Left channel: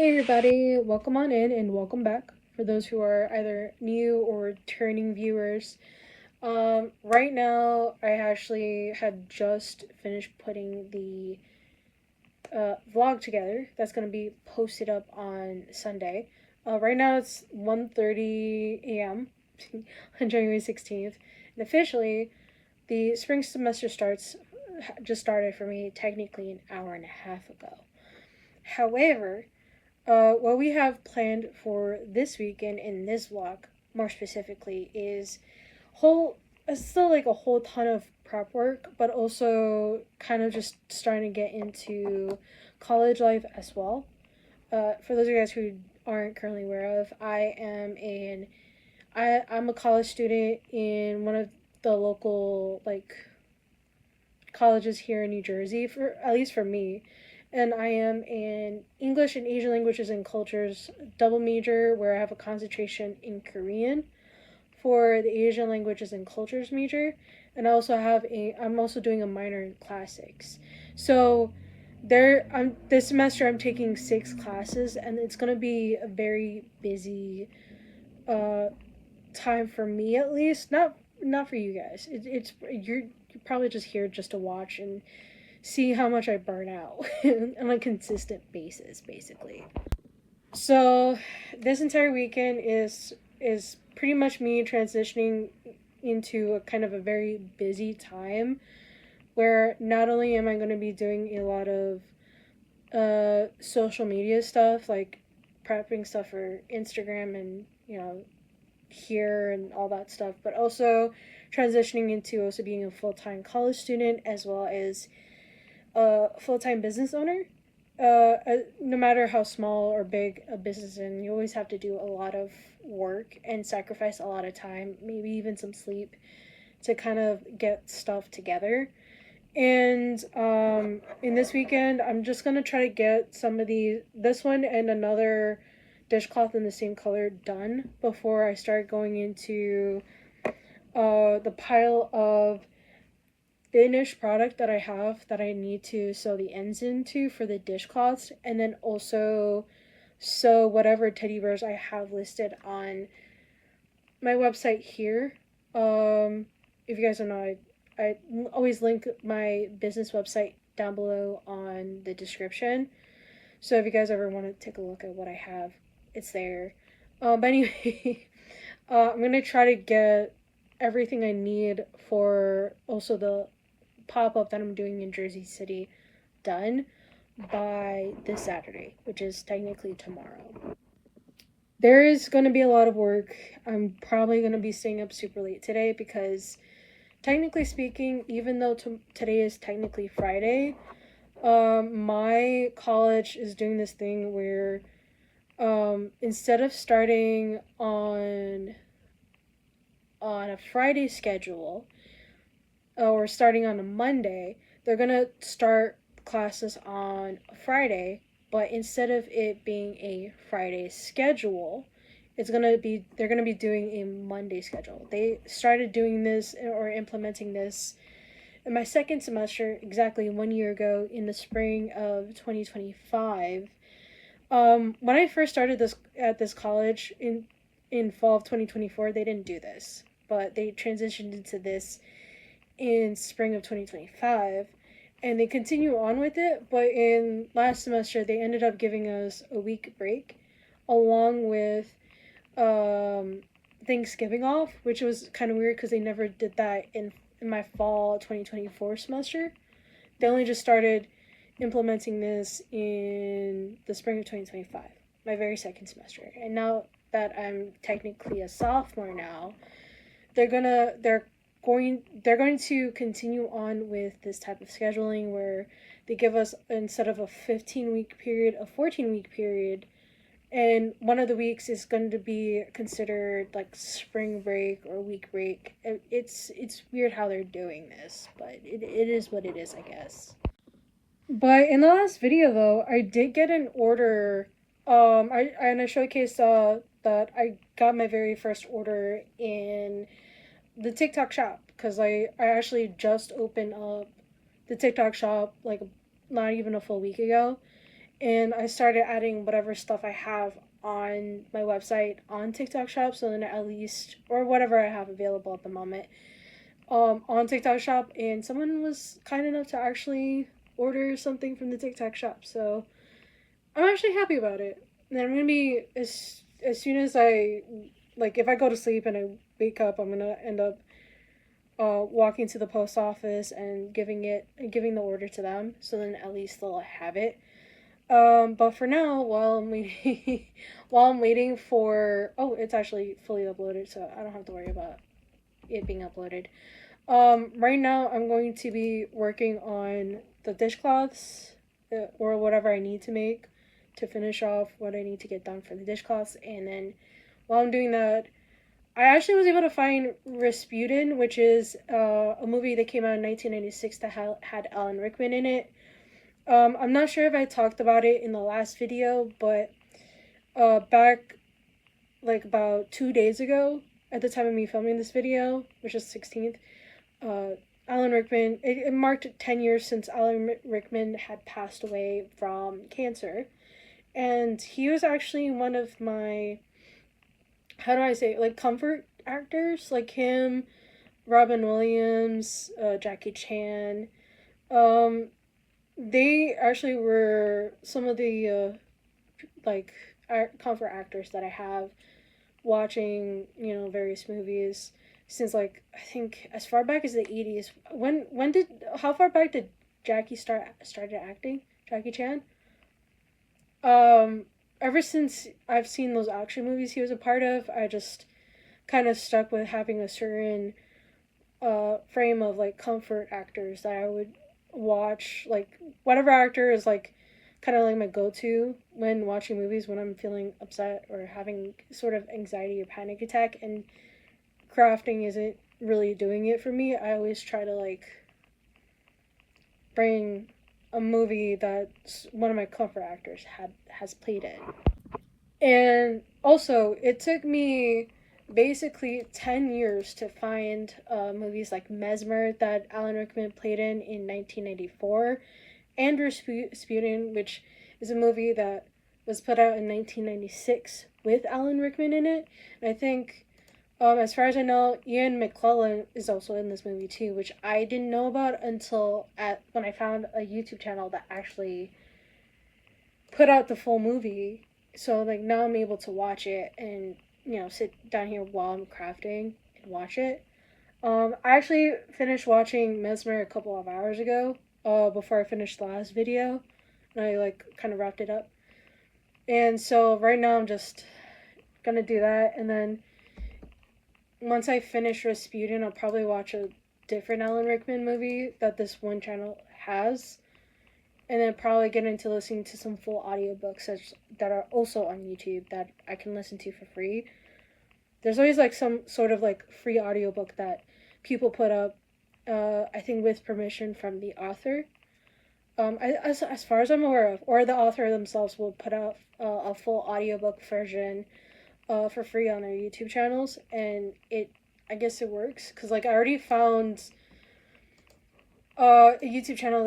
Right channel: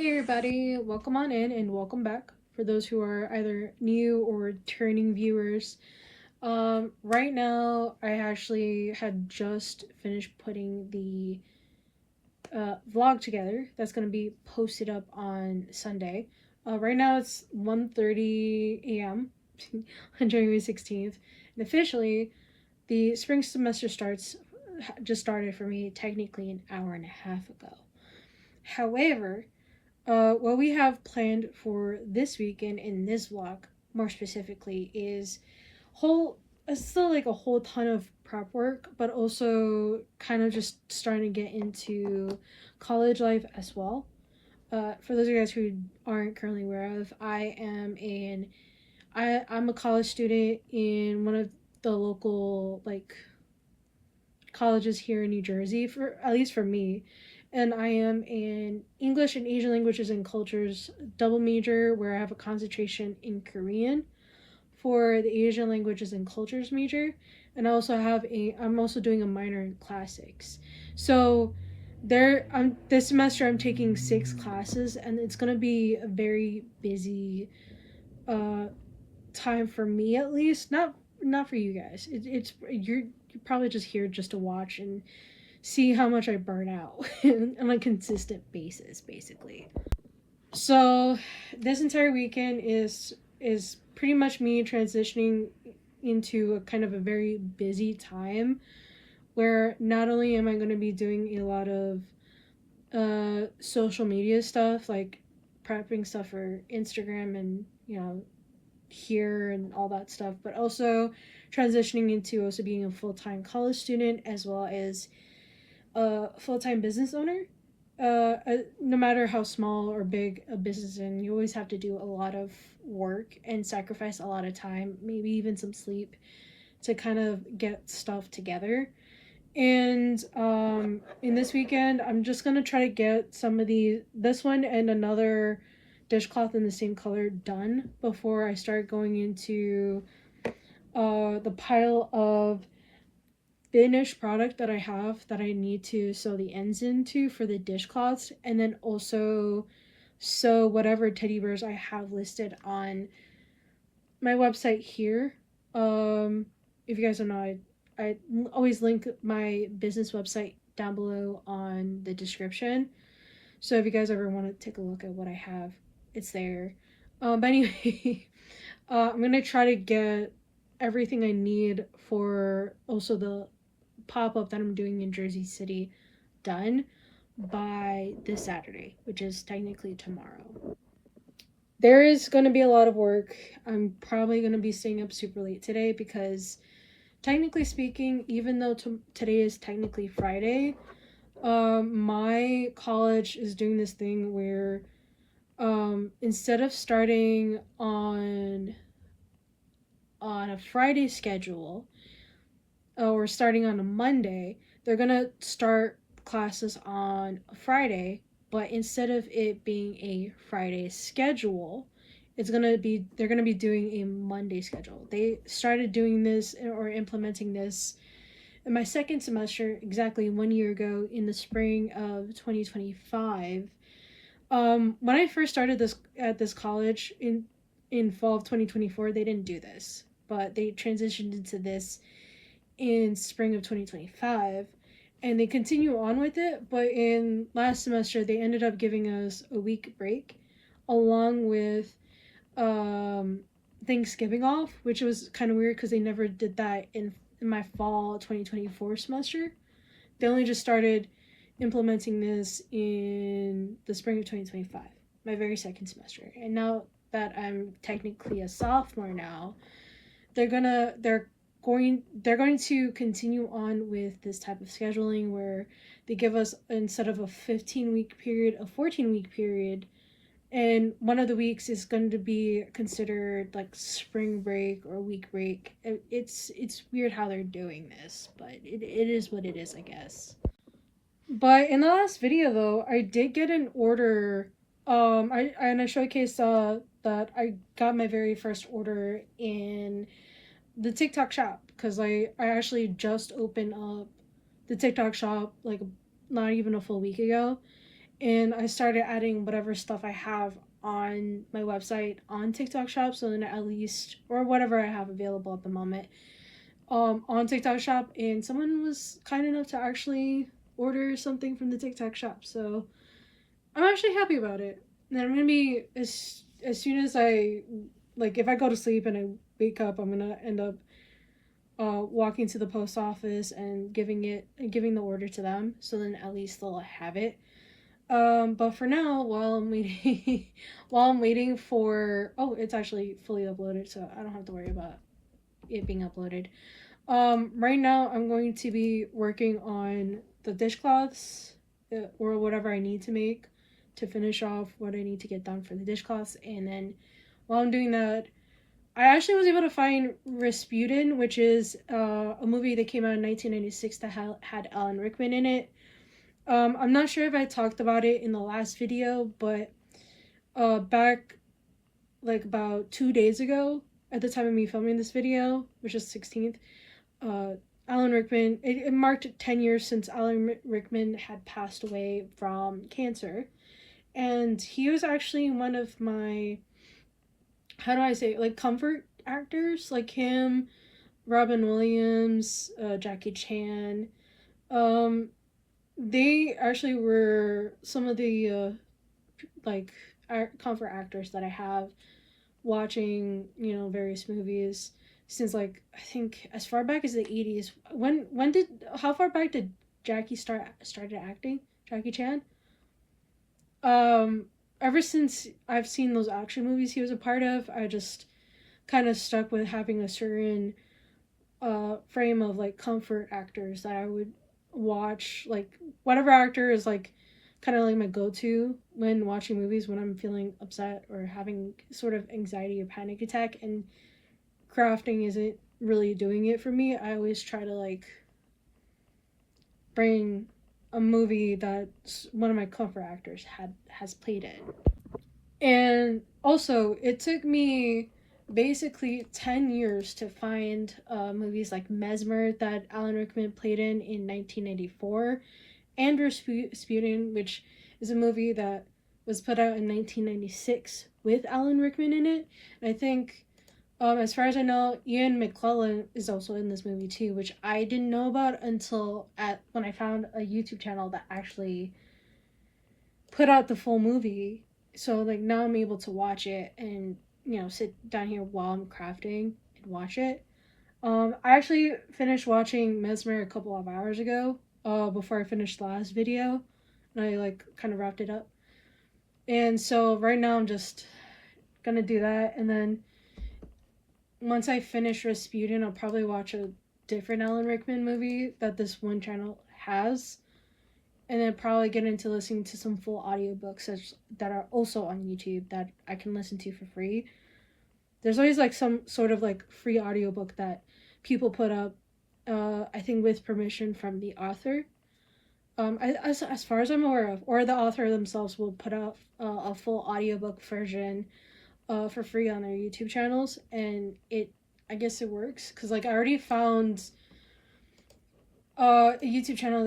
Hey everybody, welcome on in and welcome back for those who are either new or returning viewers. Right now, I actually had just finished putting the vlog together that's going to be posted up on Sunday. Right now it's 1:30 a.m. on January 16th, and officially the spring semester just started for me technically an hour and a half ago. However, what we have planned for this weekend in this vlog, more specifically, is whole. It's still like a whole ton of prep work, but also kind of just starting to get into college life as well. For those of you guys who aren't currently aware of, I'm a college student in one of the local colleges here in New Jersey, for at least for me, and I am in English and Asian languages and cultures double major where I have a concentration in Korean for the Asian languages and cultures major, and I'm also doing a minor in classics. So this semester I'm taking 6 classes, and it's going to be a very busy uh time for me, at least. Not for you guys. You're probably just here just to watch and see how much I burn out on a consistent basis, basically. So this entire weekend is pretty much me transitioning into a kind of a very busy time where not only am I going to be doing a lot of social media stuff, like prepping stuff for Instagram and here and all that stuff, but also transitioning into also being a full-time college student as well as a full-time business owner. No matter how small or big a business is, you always have to do a lot of work and sacrifice a lot of time, maybe even some sleep, to kind of get stuff together. And in this weekend, I'm just gonna try to get this one and another dishcloth in the same color done before I start going into the pile of finished product that I have that I need to sew the ends into for the dishcloths, and then also sew whatever teddy bears I have listed on my website here. If you guys don't know, I always link my business website down below on the description. So if you guys ever want to take a look at what I have, it's there. But anyway, I'm gonna try to get everything I need for also the pop up that I'm doing in Jersey City done by this Saturday, which is technically tomorrow. There is going to be a lot of work. I'm probably going to be staying up super late today because, technically speaking, even though today is technically Friday, my college is doing this thing where instead of starting on a Friday schedule, or starting on a Monday, they're gonna start classes on a Friday, but instead of it being a Friday schedule, they're gonna be doing a Monday schedule. They started doing this or implementing this in my second semester exactly 1 year ago in the spring of 2025. When I first started this at this college in fall of 2024, they didn't do this, but they transitioned into this in spring of 2025, and they continue on with it, but in last semester they ended up giving us a week break along with um Thanksgiving off, which was kind of weird because they never did that in my fall 2024 semester. They only just started implementing this in the spring of 2025, my very second semester. And now that I'm technically a sophomore now, they're gonna they're going to continue on with this type of scheduling where they give us, instead of a 15-week period, a 14-week period, and one of the weeks is going to be considered like spring break or week break. It's weird how they're doing this, but it is what it is, I guess. But in the last video though, I did get an order. I showcased that I got my very first order in the TikTok shop because I actually just opened up the TikTok shop like not even a full week ago, and I started adding whatever stuff I have on my website on TikTok Shop, so then at least, or whatever I have available at the moment, on TikTok Shop, and someone was kind enough to actually order something from the TikTok Shop, so I'm actually happy about it. And I'm gonna be, as soon as I, like, if I go to sleep and I wake up, I'm gonna end up walking to the post office and giving the order to them, so then at least they'll have it. But for now, while I'm waiting, while I'm waiting for, oh, it's actually fully uploaded, so I don't have to worry about it being uploaded. Right now I'm going to be working on the dishcloths, or whatever I need to make to finish off what I need to get done for the dishcloths, and then while I'm doing that, I actually was able to find Rasputin, which is a movie that came out in 1996 that had Alan Rickman in it. I'm not sure if I talked about it in the last video, but back like about 2 days ago, at the time of me filming this video, which is 16th, Alan Rickman, it marked 10 years since Alan Rickman had passed away from cancer. And he was actually one of my, how do I say, like, comfort actors, like him, Robin Williams, Jackie Chan. Um, they actually were some of the like comfort actors that I have watching, various movies since, like, I think as far back as the 80s. When did how far back did Jackie started acting? Jackie Chan? Um Ever since I've seen those action movies he was a part of, I just kind of stuck with having a certain frame of, like, comfort actors that I would watch, like whatever actor is, like, kind of like my go-to when watching movies when I'm feeling upset or having sort of anxiety or panic attack, and crafting isn't really doing it for me. I always try to, like, bring a movie that one of my comfort actors has played in. And also, it took me basically 10 years to find movies like Mesmer that Alan Rickman played in 1994, and Rasputin, which is a movie that was put out in 1996 with Alan Rickman in it. And I think, as far as I know, Ian McKellen is also in this movie too, which I didn't know about until when I found a YouTube channel that actually put out the full movie. So, like, now I'm able to watch it and, sit down here while I'm crafting and watch it. I actually finished watching Mesmer a couple of hours ago, before I finished the last video, and I, like, kind of wrapped it up. And so right now I'm just gonna do that, and then once I finish Rasputin, I'll probably watch a different Alan Rickman movie that this one channel has, and then probably get into listening to some full audiobooks that are also on YouTube that I can listen to for free. There's always, like, some sort of, like, free audiobook that people put up, I think with permission from the author. As far as I'm aware of, or the author themselves will put out a full audiobook version for free on their YouTube channels, and I guess it works because, like, I already found a YouTube channel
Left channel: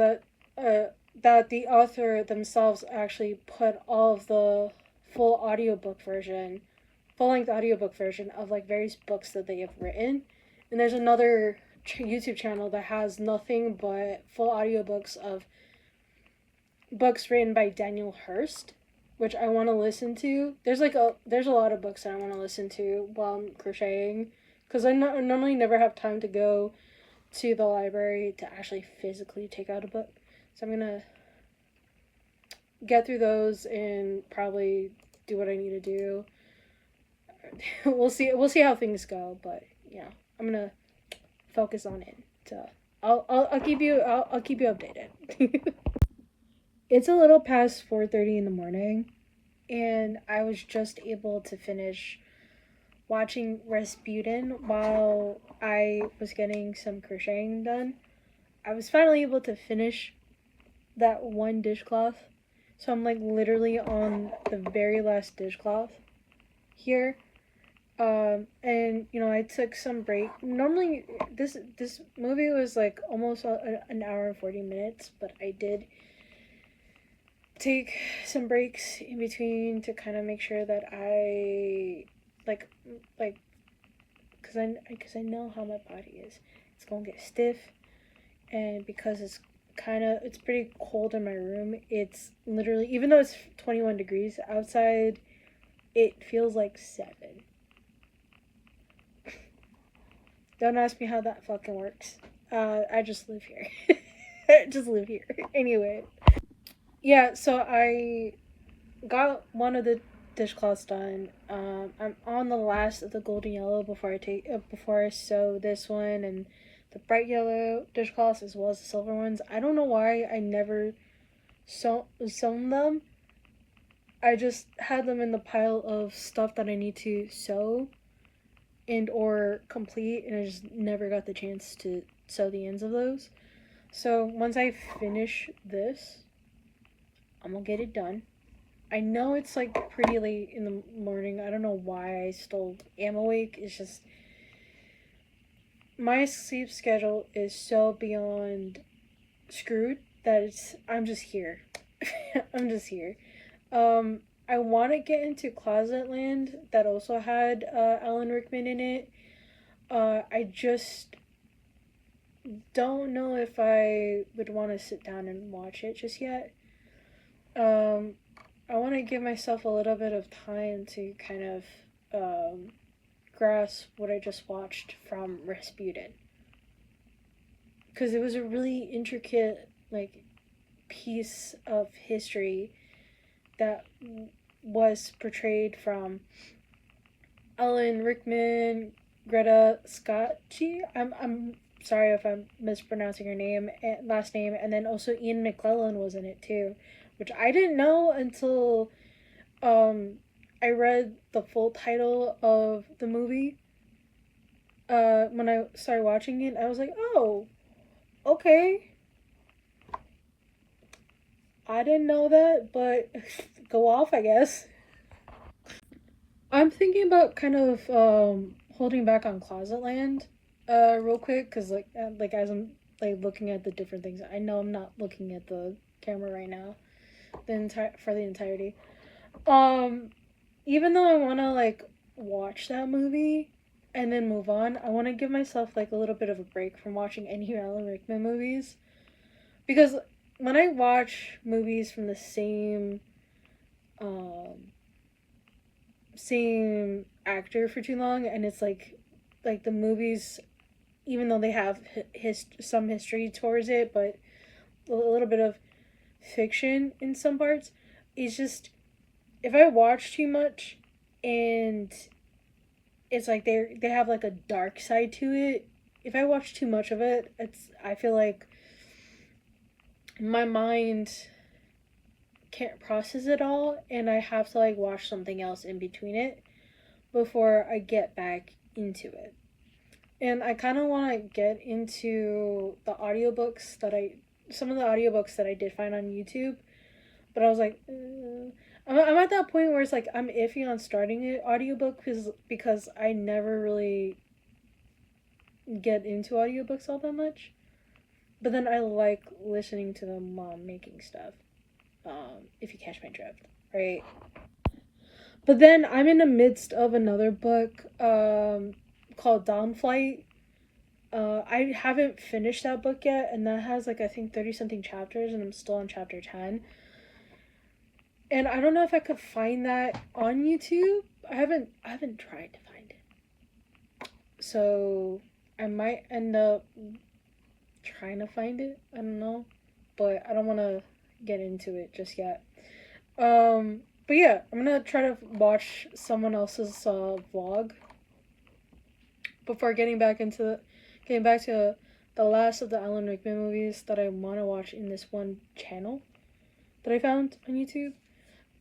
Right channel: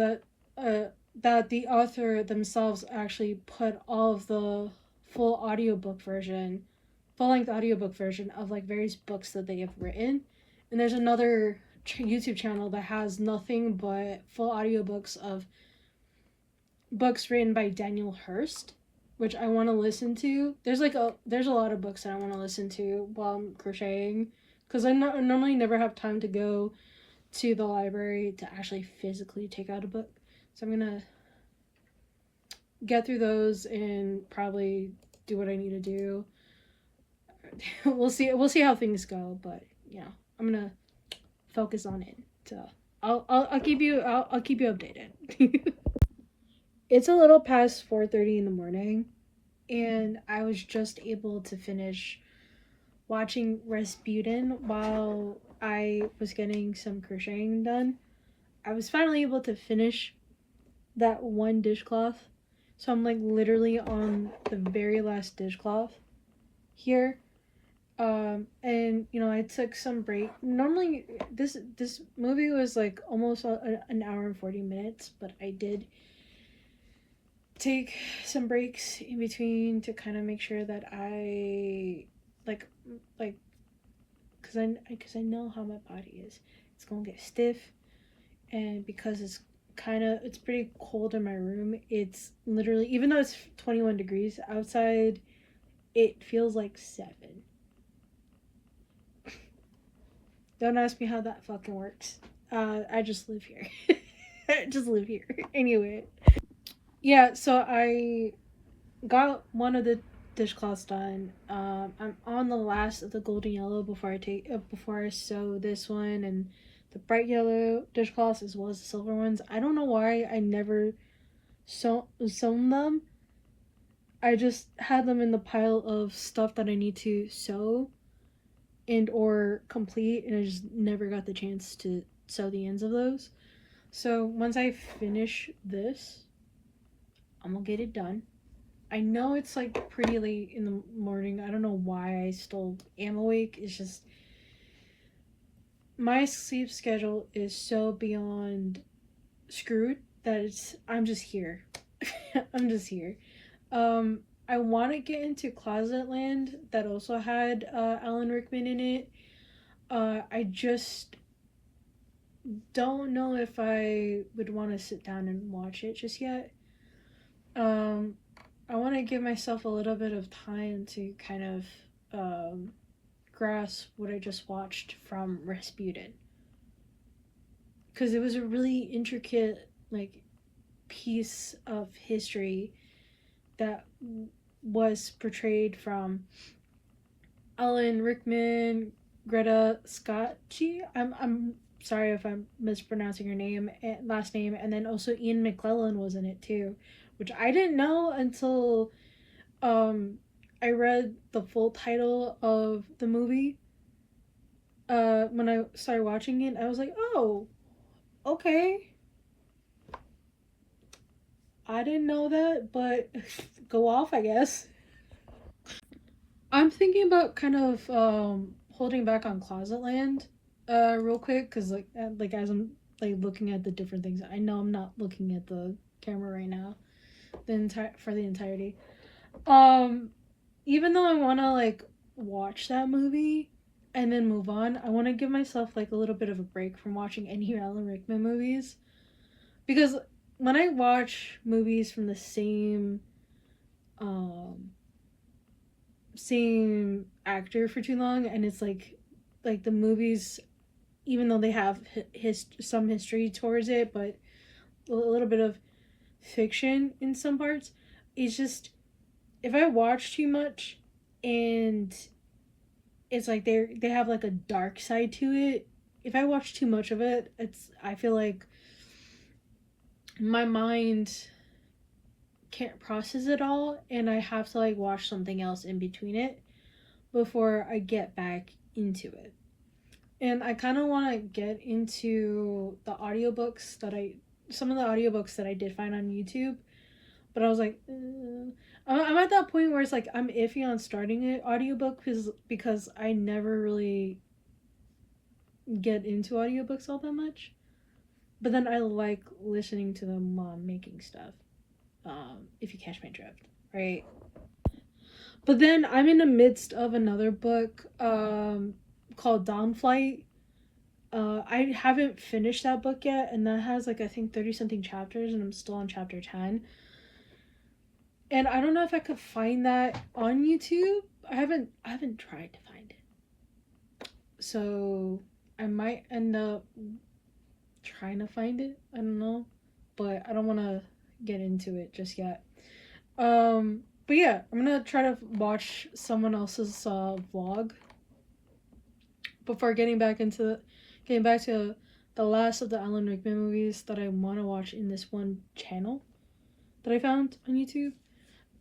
that the author themselves actually put all of the full full-length audiobook version of, like, various books that they have written. And there's another YouTube channel that has nothing but full audiobooks of books written by Daniel Hurst, which I want to listen to. There's a lot of books that I want to listen to while I'm crocheting, because I normally never have time to go to the library to actually physically take out a book. So I'm gonna get through those and probably do what I need to do. We'll see how things go, but yeah, I'm gonna focus on it. So I'll keep you updated. It's a little past 4:30 in the morning, and I was just able to finish watching Rasputin while I was getting some crocheting done. I was finally able to finish that one dishcloth, so I'm, like, literally on the very last dishcloth here. And I took some break. Normally this movie was, like, almost an hour and 40 minutes, but I did take some breaks in between to kind of make sure that I like like because I know how my body is. It's gonna get stiff, and because it's pretty cold in my room. It's literally, even though it's 21 degrees outside, it feels like 7. Don't ask me how that fucking works. I just live here. I just live here. Anyway, yeah. So I got one of the dishcloths done. I'm on the last of the golden yellow before I sew this one and the bright yellow dishcloths as well as the silver ones. I don't know why I never sewn them. I just had them in the pile of stuff that I need to sew and or complete, and I just never got the chance to sew the ends of those. So once I finish this, I'm gonna get it done. I know it's like pretty late in the morning. I don't know why I still am awake. It's just my sleep schedule is so beyond screwed that I'm just here. I'm just here. I want to get into Closet Land that also had Alan Rickman in it. I just don't know if I would want to sit down and watch it just yet. Um, I want to give myself a little bit of time to kind of grasp what I just watched from Rasputin, because it was a really intricate like piece of history that was portrayed from Alan Rickman, Greta Scacchi. I'm sorry if I'm mispronouncing her name, last name, and then also Ian McClellan was in it too, which I didn't know until um I read the full title of the movie. When I started watching it, I was like, oh, okay. I didn't know that, but go off, I guess. I'm thinking about kind of holding back on Closet Land real quick, cuz like as I'm like looking at the different things. I know I'm not looking at the camera right now for the entirety. Um Even though I want to like watch that movie and then move on, I want to give myself like a little bit of a break from watching any Alan Rickman movies, because when I watch movies from the um same actor for too long, and it's like the movies, even though they have some history towards it, but a little bit of fiction in some parts, it's just, if I watch too much and it's like they have like a dark side to it, if I watch too much of it, I feel like my mind can't process it all, and I have to like watch something else in between it before I get back into it. And I kind of want to get into some of the audiobooks that I did find on YouTube, but I was like, I'm at that point where it's like I'm iffy on starting an audiobook because I never really get into audiobooks all that much. But then I like listening to them while I'm making stuff. If you catch my drift, right? But then I'm in the midst of another book called Dawnflight. I haven't finished that book yet, and that has like I think 30 something chapters, and I'm still on chapter 10. And I don't know if I could find that on YouTube. I haven't tried to find it. So I might end up trying to find it. I don't know, but I don't want to get into it just yet. But yeah, I'm gonna try to watch someone else's vlog before getting back to the last of the Alan Rickman movies that I want to watch in this one channel that I found on YouTube.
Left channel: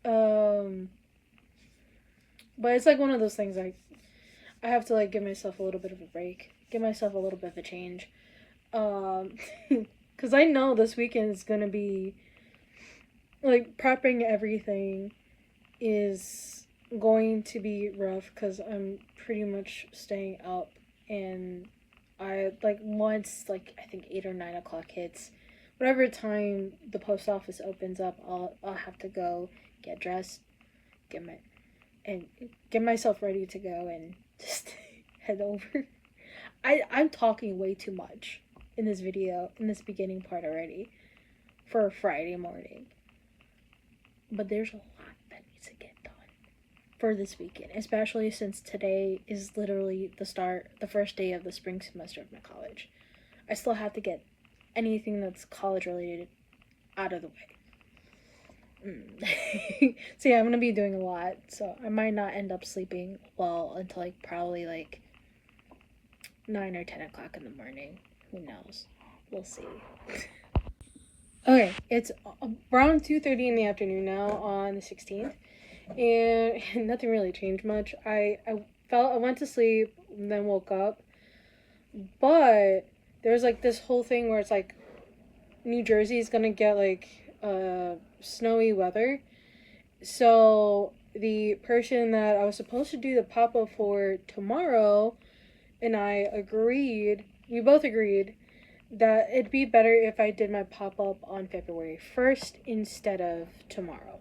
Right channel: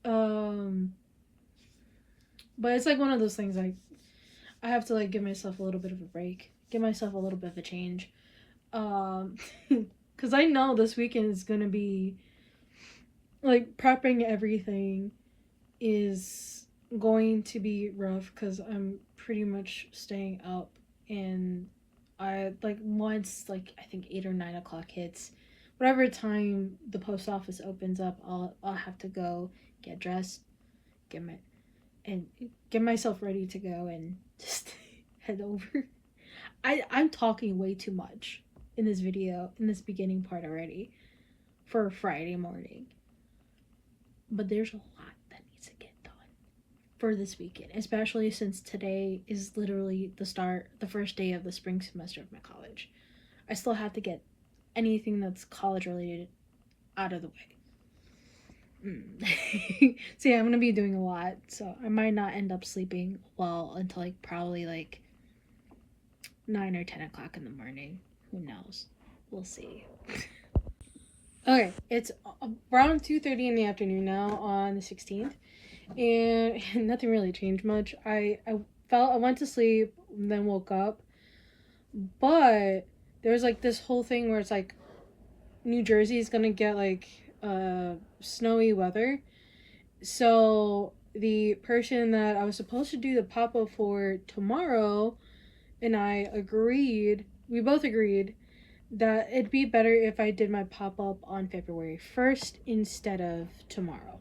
Um, but it's like one of those things I have to like give myself a little bit of a break, give myself a little bit of a change. Because I know this weekend is gonna be like prepping everything is going to be rough because I'm pretty much staying up, and I like once like I think 8 or 9 o'clock hits, whatever time the post office opens up, I'll have to go get dressed, get my and get myself ready to go and just head over. I'm talking way too much in this video, in this beginning part already for a Friday morning. But there's a lot that needs to get done for this weekend, especially since today is literally the first day of the spring semester of my college. I still have to get anything that's college related out of the way. So yeah, I'm gonna be doing a lot, so I might not end up sleeping well until like probably like 9 or 10 o'clock in the morning. Who knows? We'll see. Okay, it's around 2:30 in the afternoon now on the 16th, and nothing really changed much. I went to sleep and then woke up, but there was like this whole thing where it's like New Jersey is gonna get like snowy weather. So the person that I was supposed to do the pop up for tomorrow and I agreed, we both agreed that it'd be better if I did my pop up on February 1st instead of tomorrow.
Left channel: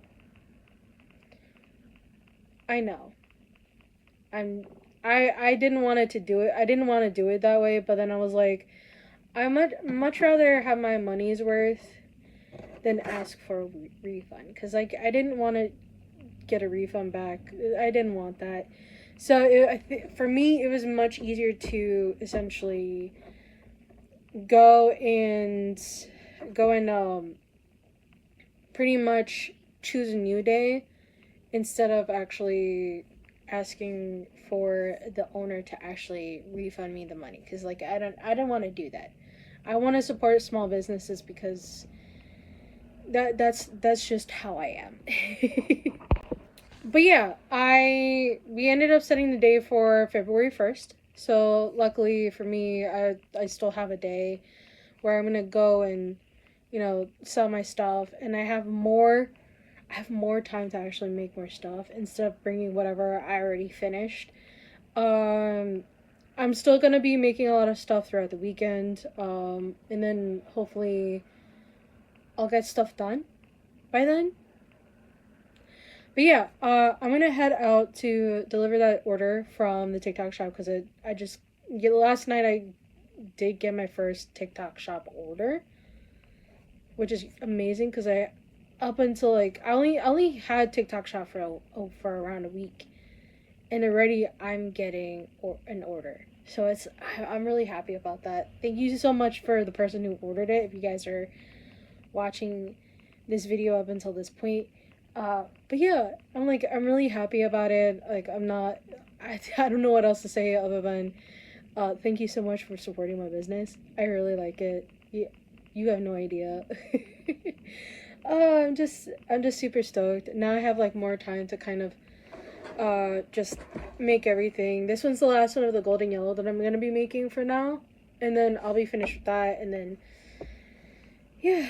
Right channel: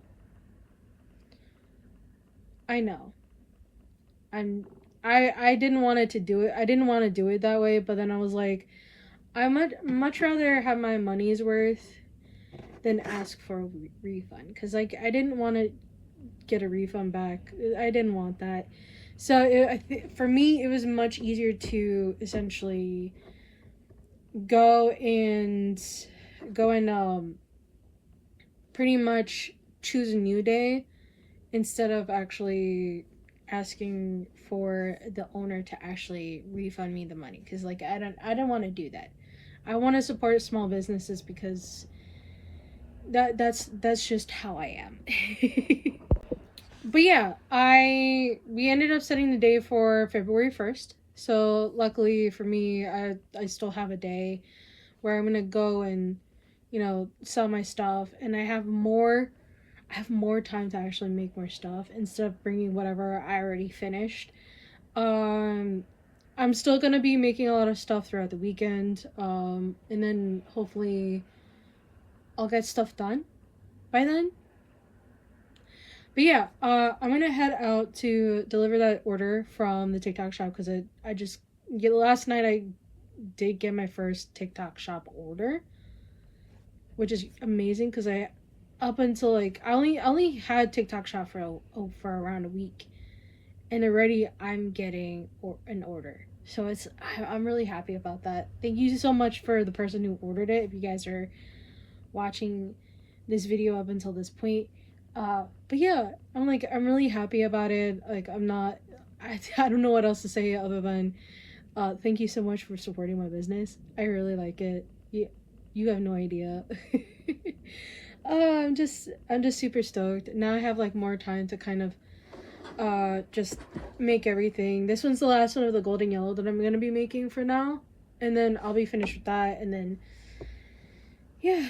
I know. I didn't want it to do it. I didn't want to do it that way, but then I was like, I much rather have my money's worth than ask for a refund, cuz like I didn't want to get a refund back. I didn't want that. So for me, it was much easier to essentially go and pretty much choose a new day instead of actually asking for the owner to actually refund me the money, because like I didn't want to do that. I want to support small businesses because that's just how I am. But yeah, we ended up setting the day for February 1st. So luckily for me, I still have a day where I'm gonna go and sell my stuff, and I have more time to actually make more stuff instead of bringing whatever I already finished. Um, I'm still gonna be making a lot of stuff throughout the weekend. And then hopefully I'll get stuff done by then. But yeah, I'm gonna head out to deliver that order from the TikTok shop because I just last night I did get my first TikTok shop order, which is amazing because I up until like I only had TikTok shop for around a week, and already I'm getting an order. So I'm really happy about that. Thank you so much for the person who ordered it. If you guys are watching this video up until this point. But yeah, I'm really happy about it. Like I don't know what else to say other than thank you so much for supporting my business. I really like it. You have no idea. I'm just super stoked. Now I have like more time to kind of just make everything. This one's the last one of the golden yellow that I'm gonna be making for now. And then I'll be finished with that, and then yeah,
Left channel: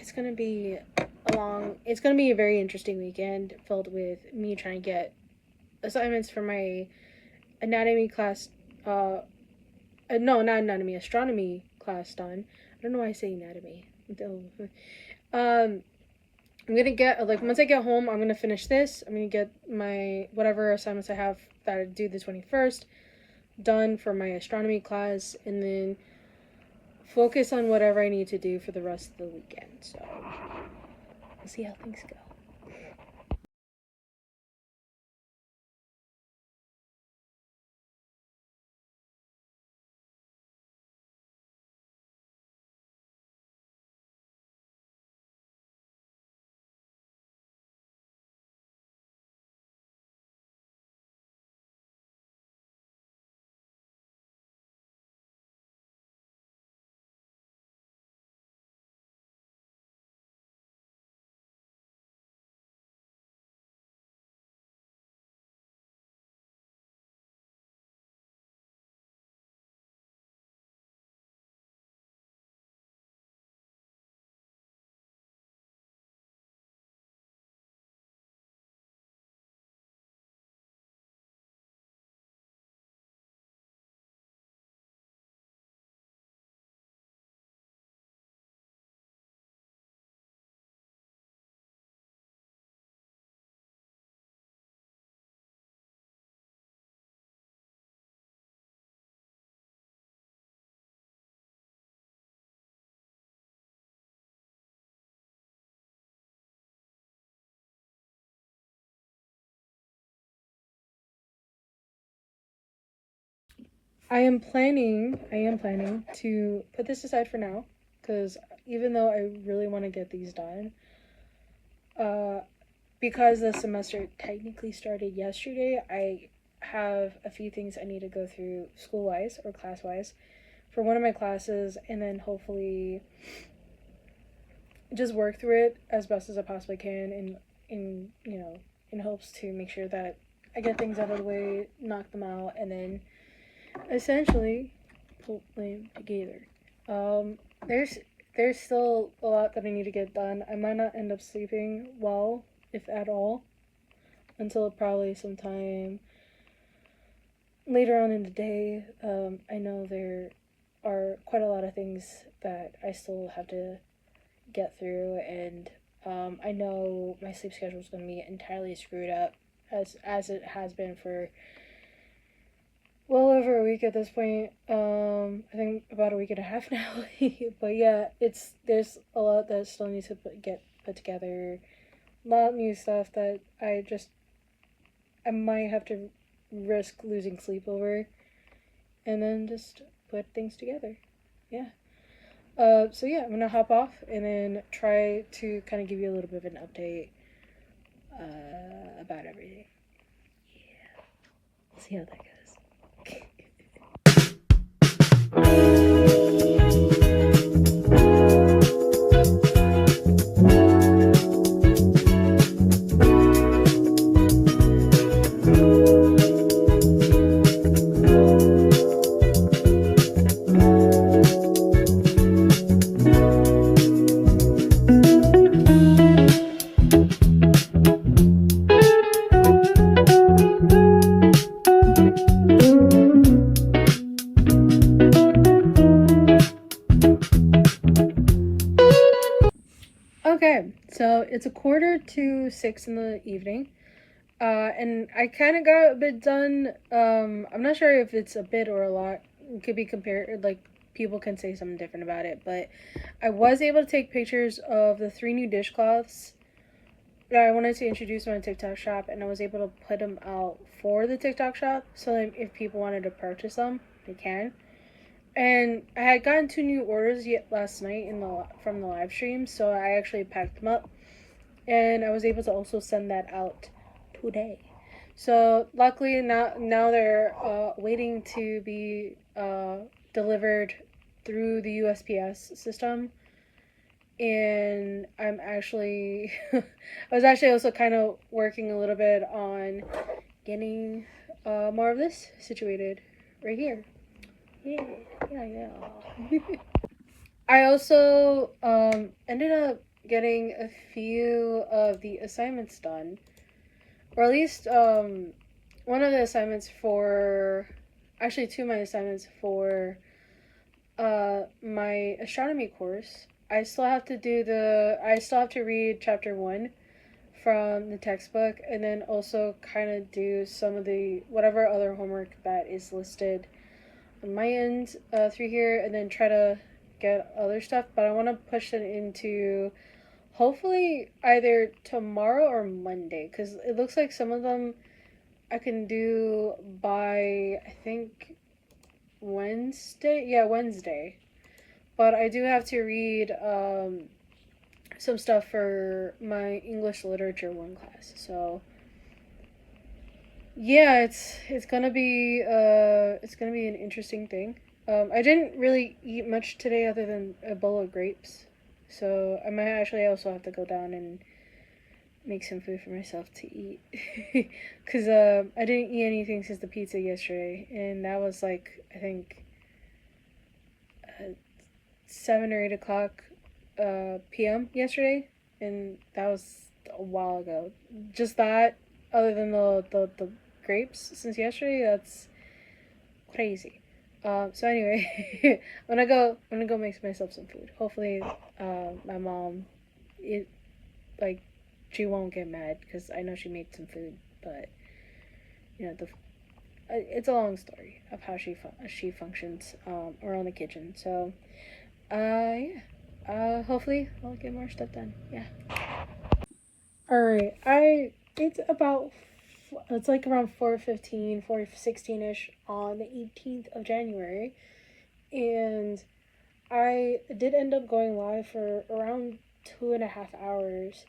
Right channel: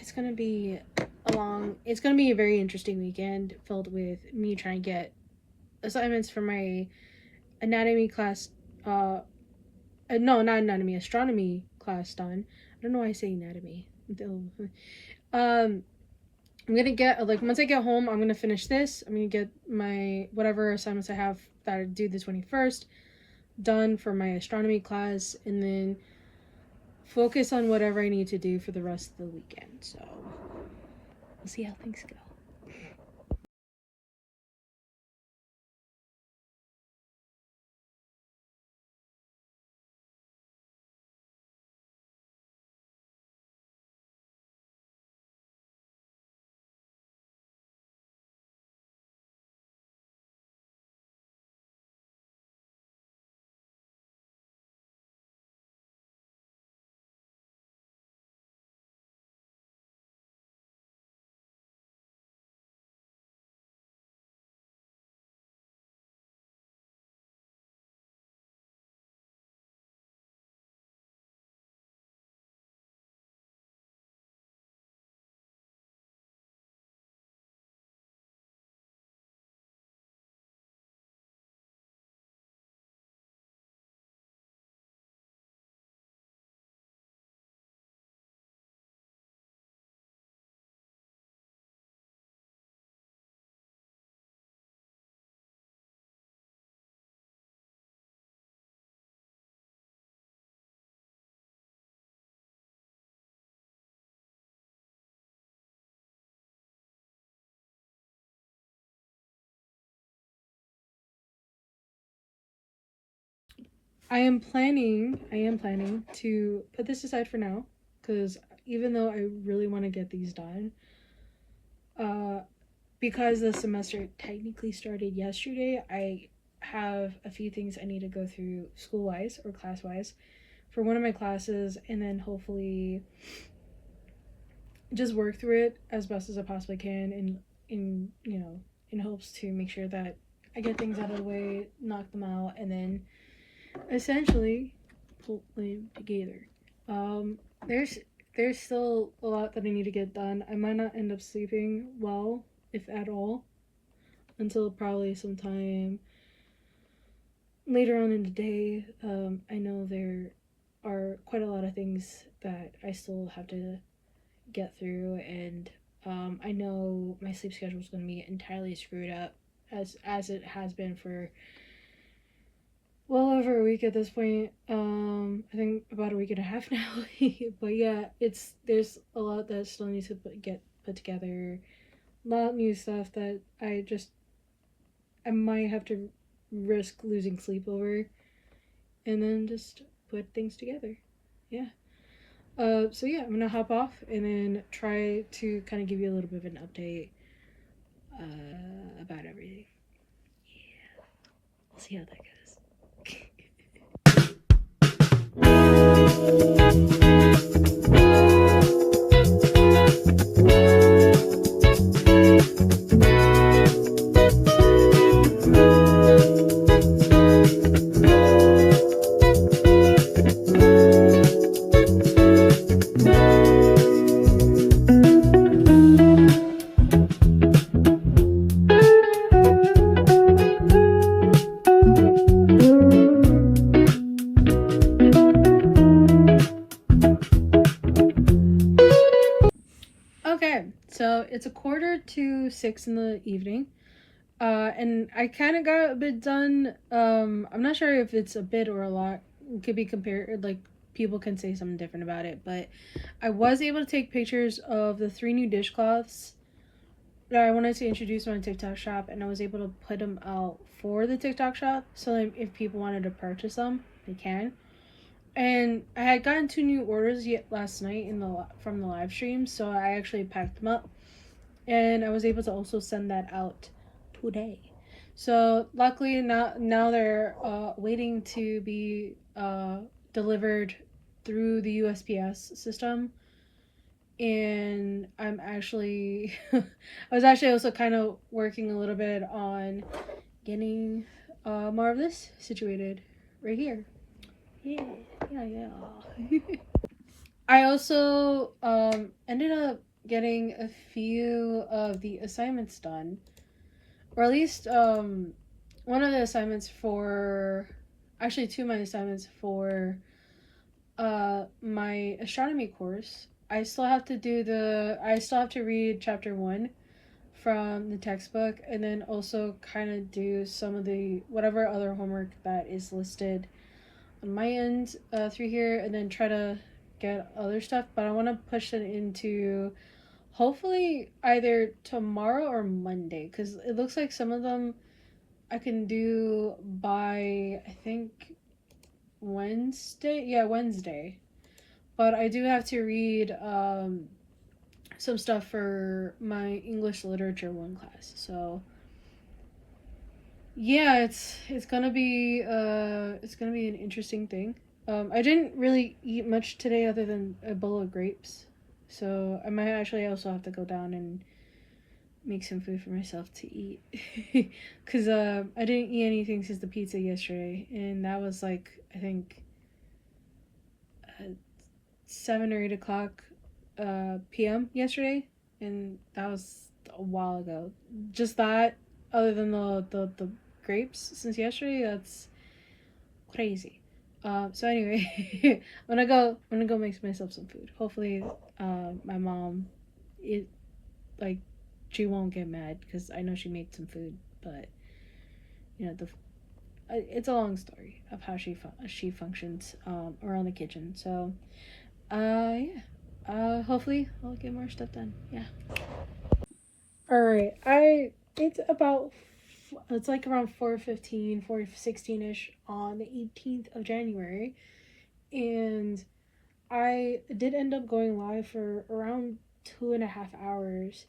it's gonna be it's gonna be a very interesting weekend filled with me trying to get assignments for my anatomy class. No, not anatomy, astronomy class done. I don't know why I say anatomy. Um, I'm gonna get like once I get home, I'm gonna finish this. I'm gonna get my whatever assignments I have that I do the 21st done for my astronomy class, and then focus on whatever I need to do for the rest of the weekend. So we'll see how things go. I am planning to put this aside for now, because even though I really want to get these done, uh, because the semester technically started yesterday, I have a few things I need to go through school wise or class wise for one of my classes, and then hopefully just work through it as best as I possibly can, in hopes to make sure that I get things out of the way, knock them out, and then essentially pull them together. Um, there's there's still a lot that I need to get done. I might not end up sleeping well, if at all, until probably sometime later on in the day. I know there are quite a lot of things that I still have to get through, and I know my sleep schedule is going to be entirely screwed up, as it has been for well over a week at this point. I think about a week and a half now. But yeah, there's a lot that still needs to get put together. A lot of new stuff that I might have to risk losing sleep over, and then just put things together. Yeah. So yeah, I'm gonna hop off and then try to kind of give you a little bit of an update about everything. Yeah, we'll see how that goes. Okay, so it's 5:45 in the evening. And I kind of got a bit done. I'm not sure if it's a bit or a lot. It could be compared, like, people can say something different about it. But I was able to take pictures of the 3 new dishcloths that I wanted to introduce on my TikTok shop, and I was able to put them out for the TikTok shop. So that if people wanted to purchase them, they can. And I had gotten 2 new orders yet last night from the live stream, so I actually packed them up, and I was able to also send that out today. So luckily now they're waiting to be delivered through the USPS system, and I'm actually I was actually also kind of working a little bit on getting more of this situated right here. Yeah, yeah. I also ended up getting a few of the assignments done, or at least one of the assignments for, actually 2 of my assignments for my astronomy course. I still have to read chapter 1 from the textbook, and then also kind of do some of the whatever other homework that is listed on my end through here, and then try to get other stuff. But I want to push it into hopefully either tomorrow or Monday, because it looks like some of them I can do by, I think, Wednesday. Yeah, Wednesday. But I do have to read some stuff for my English Literature 1 class. So yeah, it's gonna be an interesting thing. I didn't really eat much today other than a bowl of grapes, so I might actually also have to go down and make some food for myself to eat, because I didn't eat anything since the pizza yesterday, and that was like, I think 7 or 8 o'clock p.m. yesterday, and that was a while ago. Just that, other than the grapes since yesterday, that's crazy. So anyway, I'm gonna go make myself some food. Hopefully, my mom, it like, she won't get mad because I know she made some food, but the it's a long story of how she functions around the kitchen. So, yeah. Hopefully I'll get more stuff done. Yeah. All right. It's about it's like around 4:15, 4:16ish on the 18th of January, and I did end up going live for around 2.5 hours,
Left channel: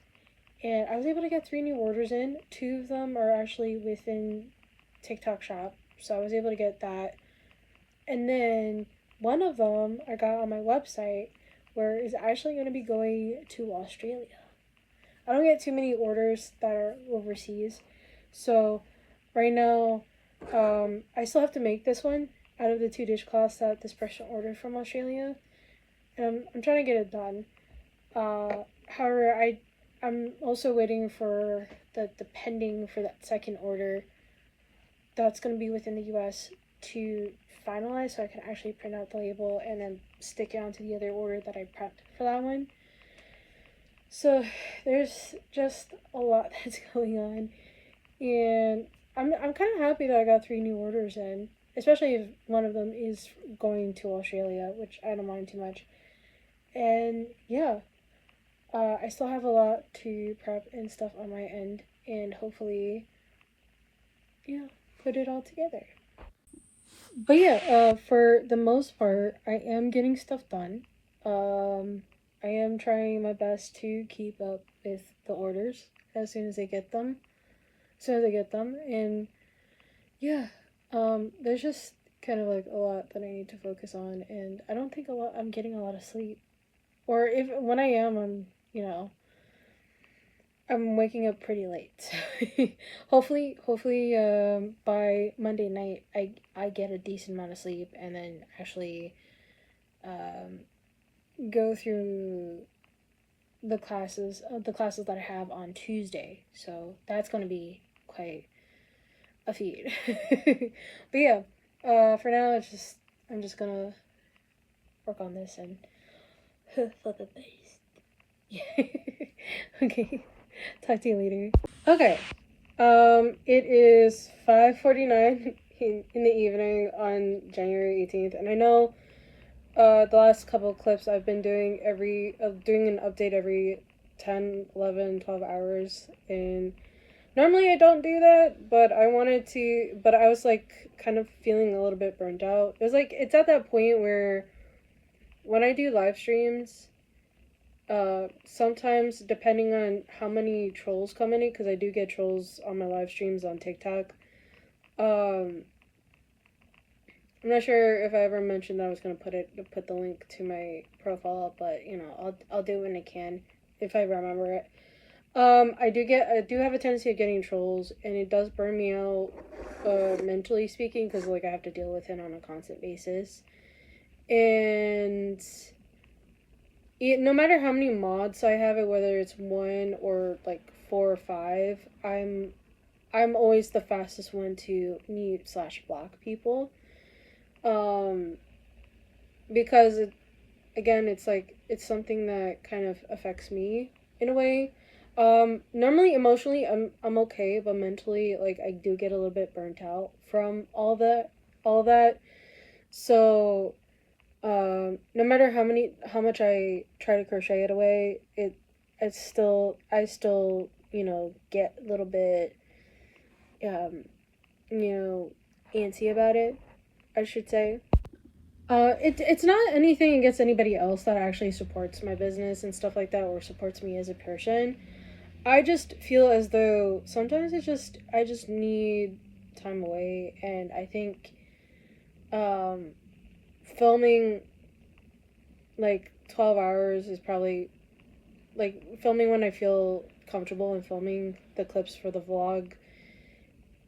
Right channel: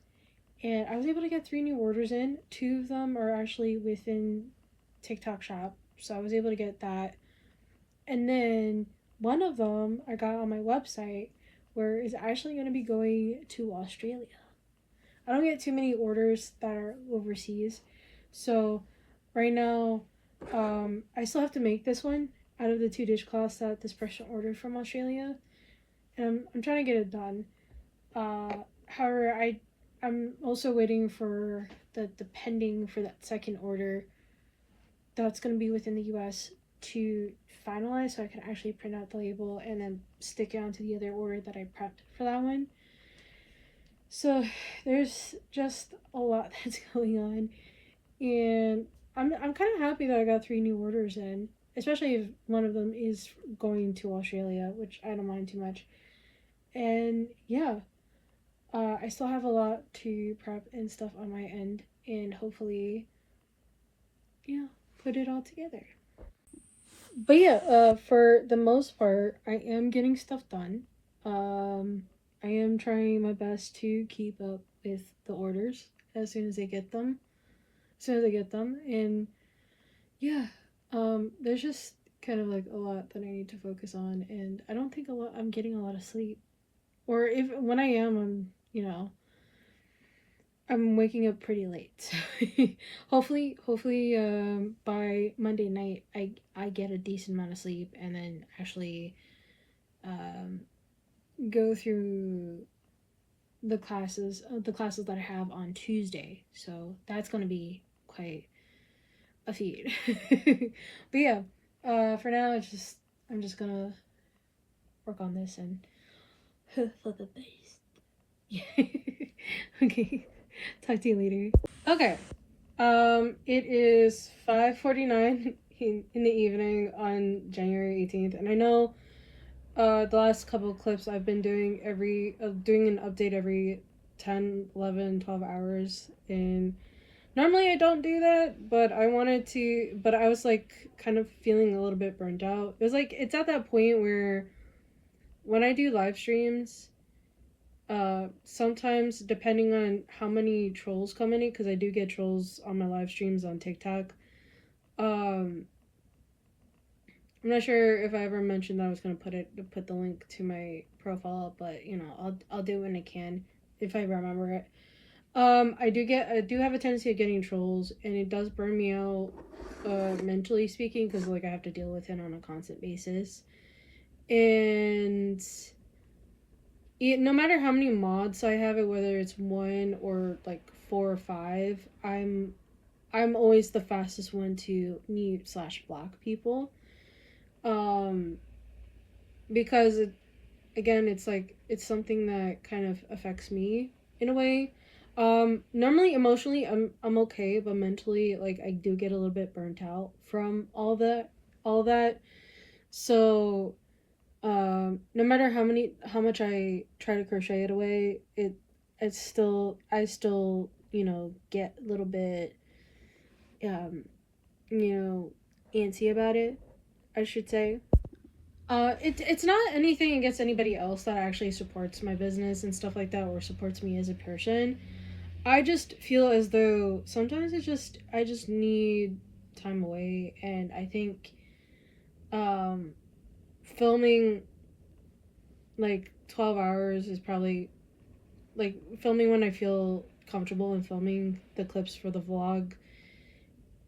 and I was able to get 3 new orders in. Two of them are actually within TikTok Shop, so I was able to get that. And then one of them I got on my website, where it's actually going to be going to Australia. I don't get too many orders that are overseas, so right now, I still have to make this one out of the 2 dishcloths that this person ordered from Australia, and I'm trying to get it done. However, I'm also waiting for the pending for that second order that's going to be within the U.S. to finalize, so I can actually print out the label and then stick it onto the other order that I prepped for that one. So there's just a lot that's going on, and I'm kind of happy that I got 3 new orders in, especially if one of them is going to Australia, which I don't mind too much. And yeah, I still have a lot to prep and stuff on my end, and hopefully, yeah, put it all together. But yeah, for the most part, I am getting stuff done. I am trying my best to keep up with the orders as soon as I get them. And yeah, there's just kind of like a lot that I need to focus on, and I don't think I'm getting a lot of sleep. Or if when I am, I'm waking up pretty late. Hopefully, by Monday night, I get a decent amount of sleep, and then actually, um, go through the classes that I have on Tuesday. So that's gonna be quite a feat. But yeah, for now, I'm just gonna work on this and for the best. Yeah. Okay. Talk to you later. Okay. It is 5:49 in the evening on January 18th, and I know the last couple of clips I've been doing doing an update every 10, 11, 12 hours, and normally I don't do that, but I was like kind of feeling a little bit burnt out. It was like it's at that point where when I do live streams, sometimes depending on how many trolls come in it, because I do get trolls on my live streams on TikTok. I'm not sure if I ever mentioned that I was gonna put the link to my profile up, but I'll do it when I can if I remember it. I do have a tendency of getting trolls, and it does burn me out, mentally speaking, because like I have to deal with it on a constant basis, and no matter how many mods I have it, whether it's one or like 4 or 5, I'm always the fastest one to mute/block people, um, because again, it's like it's something that kind of affects me in a way. Normally emotionally I'm okay, but mentally, like, I do get a little bit burnt out from all that. So no matter how much I try to crochet it away, I still get a little bit um antsy about it, I should say. It's not anything against anybody else that actually supports my business and stuff like that, or supports me as a person. I just feel as though sometimes I just need time away, and I think um filming like 12 hours is probably like filming when I feel comfortable, and filming the clips for the vlog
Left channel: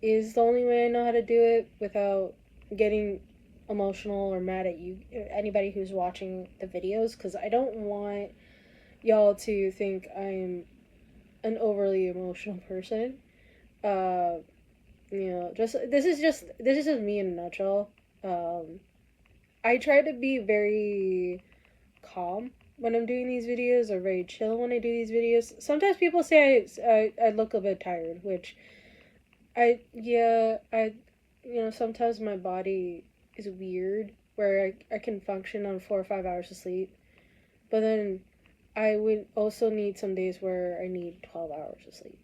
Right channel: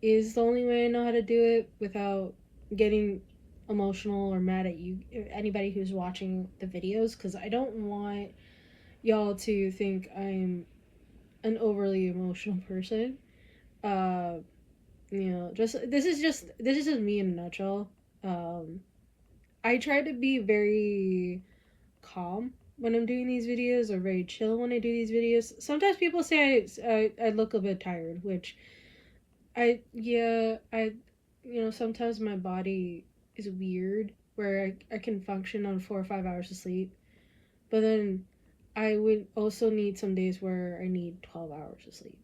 is the only way I know how to do it without getting emotional or mad at anybody who's watching the videos, because I don't want y'all to think I'm an overly emotional person. uh just this is just me in a nutshell. I try to be very calm when I'm doing these videos, or very chill when I do these videos. Sometimes people say I look a bit tired, which I sometimes my body is weird, where I can function on 4 or 5 hours of sleep, but then I would also need some days where I need 12 hours of sleep.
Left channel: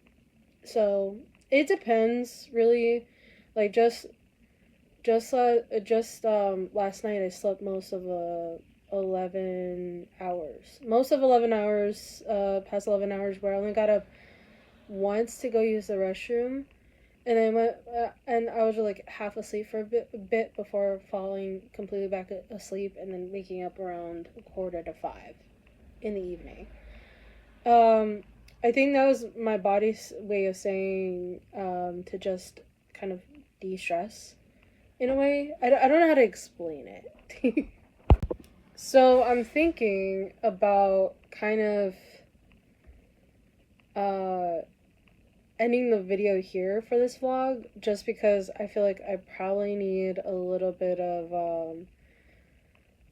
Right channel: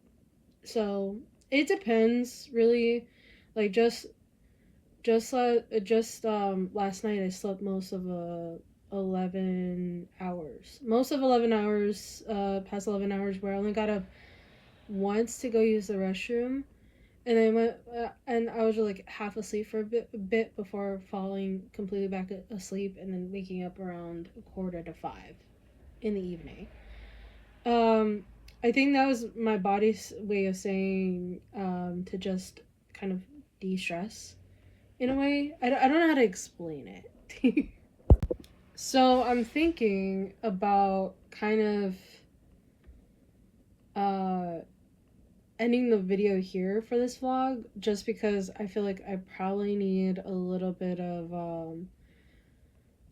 So It depends, really. Like last night I slept most of 11 hours. Most of 11 hours, past 11 hours, where I only got up once to go use the restroom. And I went, and I was like half asleep for a bit before falling completely back asleep, and then waking up around 4:45 in the evening. I think that was my body's way of saying to just kind of de-stress in a way. I don't know how to explain it. So I'm thinking about kind of uh, ending the video here for this vlog, just because I feel like I probably need a little bit of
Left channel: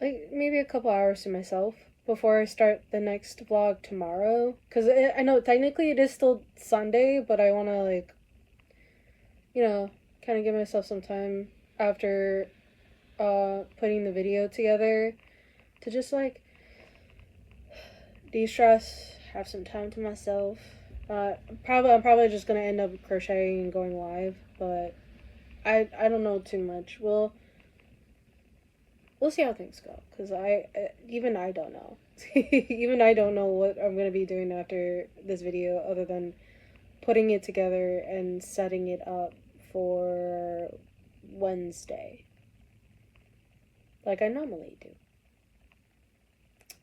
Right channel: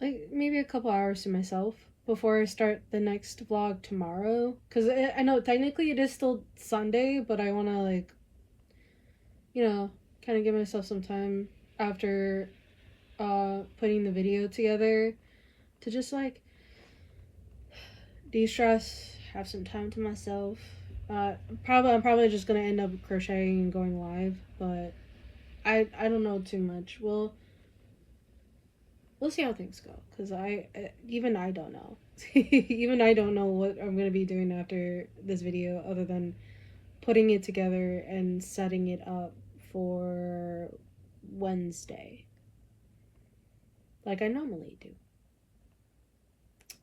like maybe a couple hours to myself before I start the next vlog tomorrow. Because I know technically it is still Sunday, but I want to, like, kind of give myself some time after putting the video together to just, like, de-stress, have some time to myself. I'm probably just gonna end up crocheting and going live, but I don't know too much. We'll see how things go, because even I don't know. Even I don't know what I'm gonna be doing after this video, other than putting it together and setting it up for Wednesday, like I normally do.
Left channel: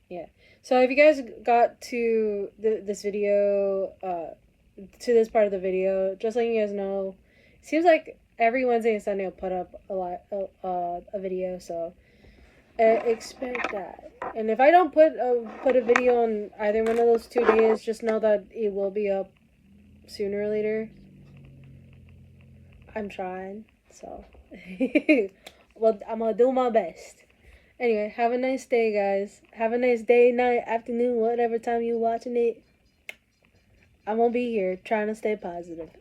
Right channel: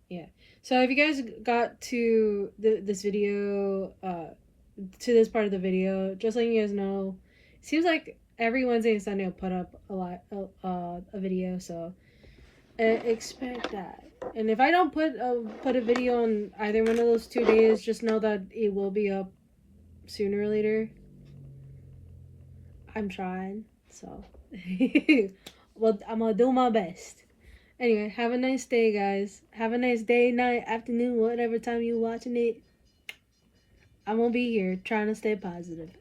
Yeah. So if you guys got to this video, to this part of the video, just letting you guys know, it seems like every Wednesday and Sunday I'll put up a video, so expect that. And if I don't put a video on either one of those 2 days, just know that it will be up sooner or later. I'm trying, so well, I'm gonna do my best. Anyway, have a nice day, guys. Have a nice day, night, afternoon, whatever time you're watching it. I'm gonna be here trying to stay positive.